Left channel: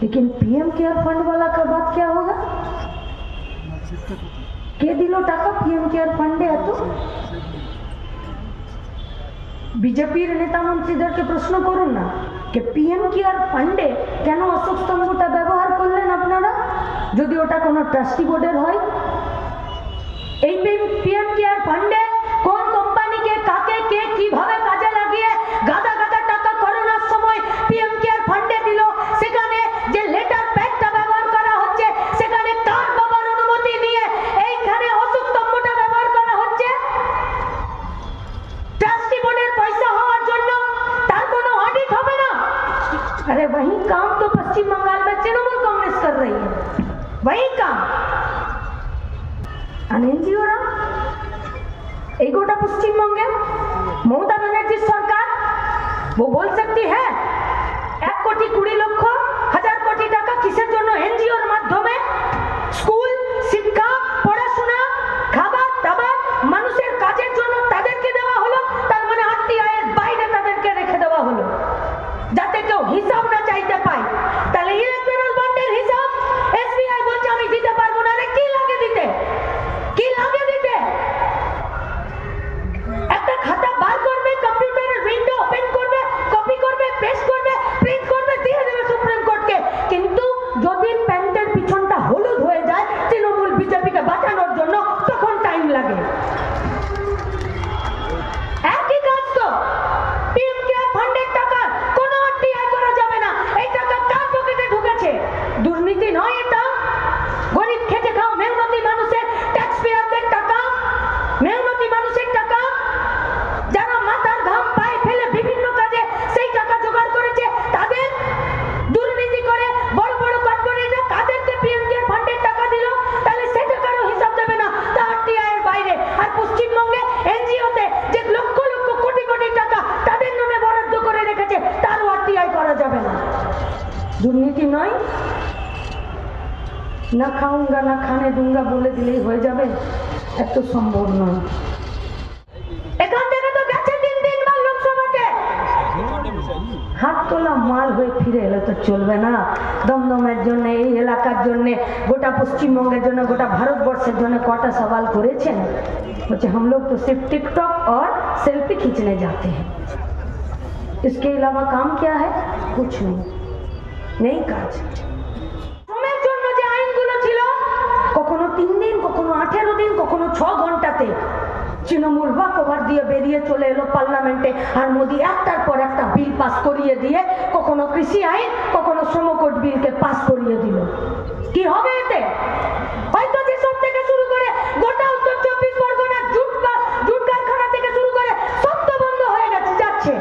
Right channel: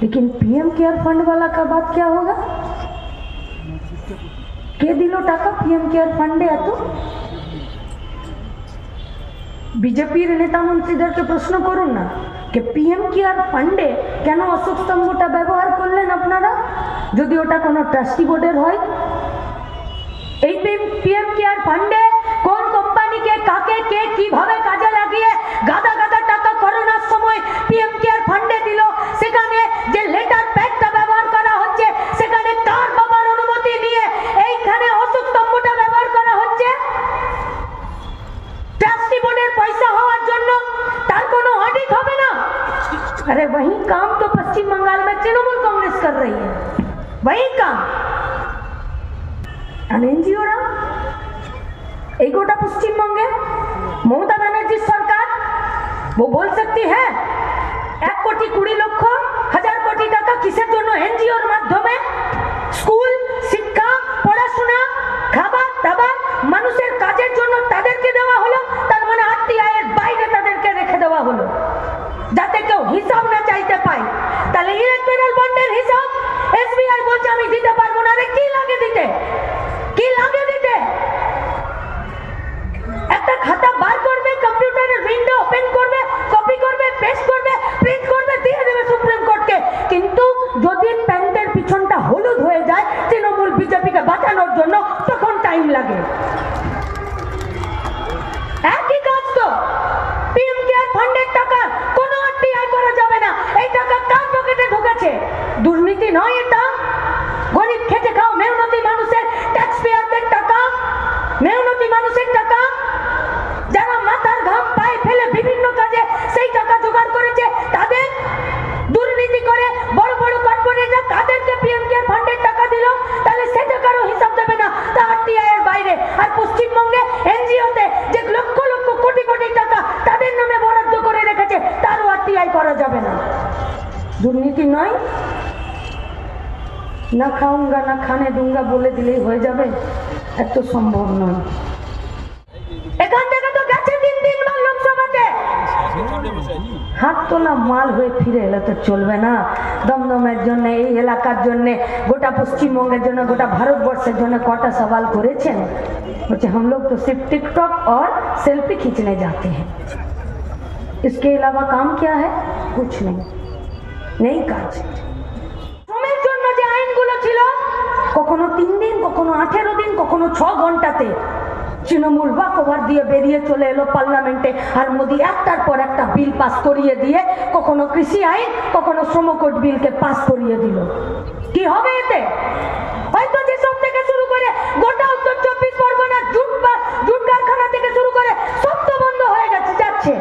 लेकिन PM care fund वाला का बात क्या होगा? के दिलो टाका पीएम केयर फंडे एत বিজেপির নেতা মন্ত্রীদেরকে প্রশ্ন করুন না যে পিএম কেয়ার ফান্ডে কেন অশোক স্তম্ভটা ব্যবহার করলেন আপনারা, যদি ওটা কোনো ট্রাস্টি বোর্ডের হয়। এই পিএম কেয়ার ফান্ডে কোন কোম্পানিকে কাকে কে কিভাবে কাজে লাগিয়ে গাদা গাদা টাকা করোনার সময় পিএম কেয়ার ফান্ডে দিল, সেখানে যে লেটার প্যাডটা ব্যবহার করা হচ্ছে সেখানে কার বাবার অনুমতি নিয়ে এইখানে অশোক স্তম্ভটা ব্যবহার করা হচ্ছে। ट्रस्टी बोर्डर पैसा होवार जन्नो तार कोनो ऑडिट होबे ना। अरे वही काम तो पश्चिम बंगाल में तृणमूल कांग्रेस कर रही है, वही काम। एनजीओ रा एक गोटा पश्चिम बंगे ममता बनर्जी सरकार वो बोल सकती है 1 कोटी 20 लक्ष 1000 कोटी टाका किसेर जन्नो एनजीओर माध्यमे स्कूल शिक्षा पढ़ाशोना खाবার দাবার মানুষের কাজের জন্য তাদেরকে দেওয়া হলো, তার মানে আরটিআই এর বাইরে তাদেরকে রেখে দেওয়া হলো যাতে কেউ হিসাব না চাইতে পায়। তাহলে ইলেকট্রাল বন্ডের হিসাব এসবিআই বলছে আমি দিতে পারবো না। কি লাগে দিতে? কি লাগে দিতে? একটা খাতা বার করবে, কম্পিউটারের উইন্ডো ওপেন করবে, কপি করবে, পেস্ট করবে, প্রিন্ট করবে, দিয়ে দেবে সুপ্রিম কোর্টকে। কিন্তু যদি প্যান্টের পিছনটা হলুদ হয়ে যায় তৃণমূল বিজেপিকে বাঁচানোর জন্য, তখন টাইম লাগে। একই কাজ তো পিএম কেয়ার ফান্ডের টাকা কোনো আরটিআই করা যাবে না। এই টাকা কার পকেটে ঢুকেছে? দুর্নীতি নয় এটা, গরিব খেটে খাও মেহনতি মানুষের ট্যাক্স পেয়ারদের টাকা, মেহনতি মানুষের টাকা, যারা মাথার ঘাম পায়ে ফেলে বিভিন্ন কাজে সেই টাকা জোগাড় করেছে তাদের দুর্নীতি করে বড় বড় কর্পোরেটরা তাদেরকে পিএম কেয়ার ফান্ডের টাকা দিল, তাহলে সে টাকারও হিসাব দেবে না, তা আরটিআই এর বাইরে। আর পশ্চিমবঙ্গে এনজিওতে যে লক্ষ লক্ষ কোটি কোটি টাকা তাদের নামে বরাদ্দ করে রেখেছে তারও আরটিআই করা যাবে না। দুর্নীতি নয়, না খাউঙ্গা না খানে দুঙ্গা বলে দিলেই হয়ে যাবে, এত সম্ভব নয়। এখান থেকে তো গেছে 3 বার লোকসভাতে, হাত তোলা মাল হয়ে ফিরে এলে তো চলবে না। দমদমের জন্য, এই এলাকার জন্য, গোটা পশ্চিমবঙ্গের জন্য, গোটা ভারতবর্ষের জন্য কটা সওয়াল করেছেন? বলছে हम लोग तो सिर्फ टिकटॉक और सेल्फी खींचने जाते हैं, इसके अलावा काम क्या है? कुछ नहीं কাজ। শ্রমের জন্য যে আইনগুলো ছিল কখনো 3 দিন, কখনো 18 দিন, কখনো 6 ঘন্টাতে তৃণমূল ওয়াকওভার দিয়ে বেরিয়ে চলে এলো পার্লামেন্টে, আর মোদি একটার পর একটা বিল পাস করিয়ে দিয়ে কখনো কৃষি আইন, কখনো শ্রম কোড বিলকে পাস করিয়ে দিল। কি হবে এতে? হয়তো যেসব থেকে শুরু করে গোটা উত্তর 24 পরগনা জুট কারখানা থেকে শুরু করে সব তো বন্ধ হয়ে যাচ্ছে।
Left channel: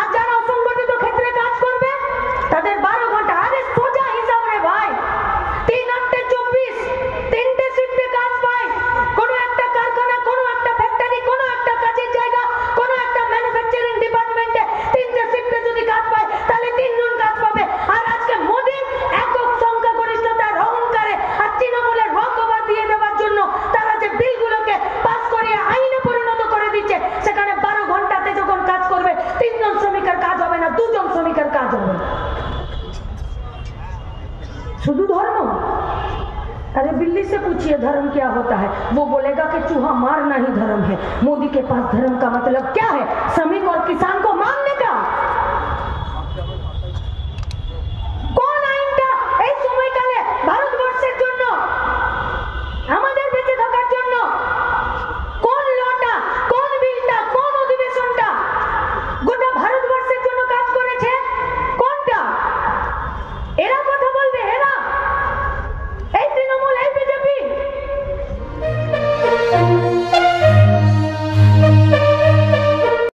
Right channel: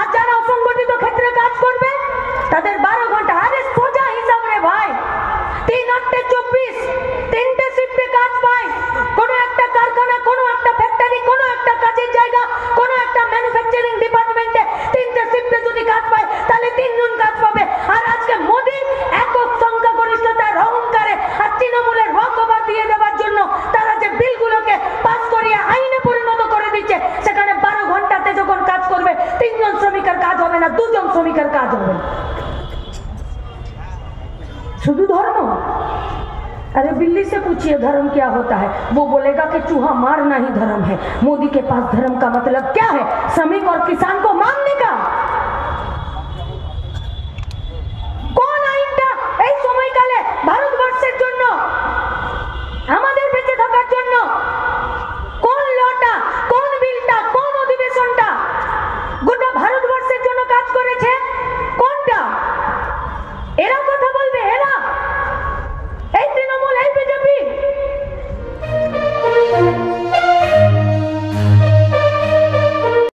আর যারা অসংগঠিত ক্ষেত্রে কাজ করবে তাদের 12 ঘন্টা, আরে সোজা হিসাব রে ভাই, 3-8-24 3টে শিফটে কাজ পায়। কোনো একটা কারখানা, কোনো একটা ফ্যাক্টরি, কোনো একটা কাজের জায়গা, কোনো একটা ম্যানুফ্যাকচারিং ডিপার্টমেন্টে 3টে শিফটে যদি কাজ পায় তাহলে 3 জন কাজ পাবে। আর আজকে মোদি একক সংখ্যাগরিষ্ঠতার অহংকারে আর তৃণমূলের ওয়াকওভার দিয়ে দেওয়ার জন্য তারা যে বিলগুলোকে পাস করিয়ে আইনে পরিণত করে দিচ্ছে, সেখানে 12 ঘন্টাতে যখন কাজ করবে 3 জন শ্রমিকের কাজ হবে না, 2 জন শ্রমিকের কাজ হবে। शुद्ध धर्म? अरे बिल्ली से पूछिए धर्म क्या होता है, वो बोलेगा कि चूहा मारना ही धर्म है। मोदी के पास धर्म का मतलब क्या है? श्रमिक और किसान को मारने का।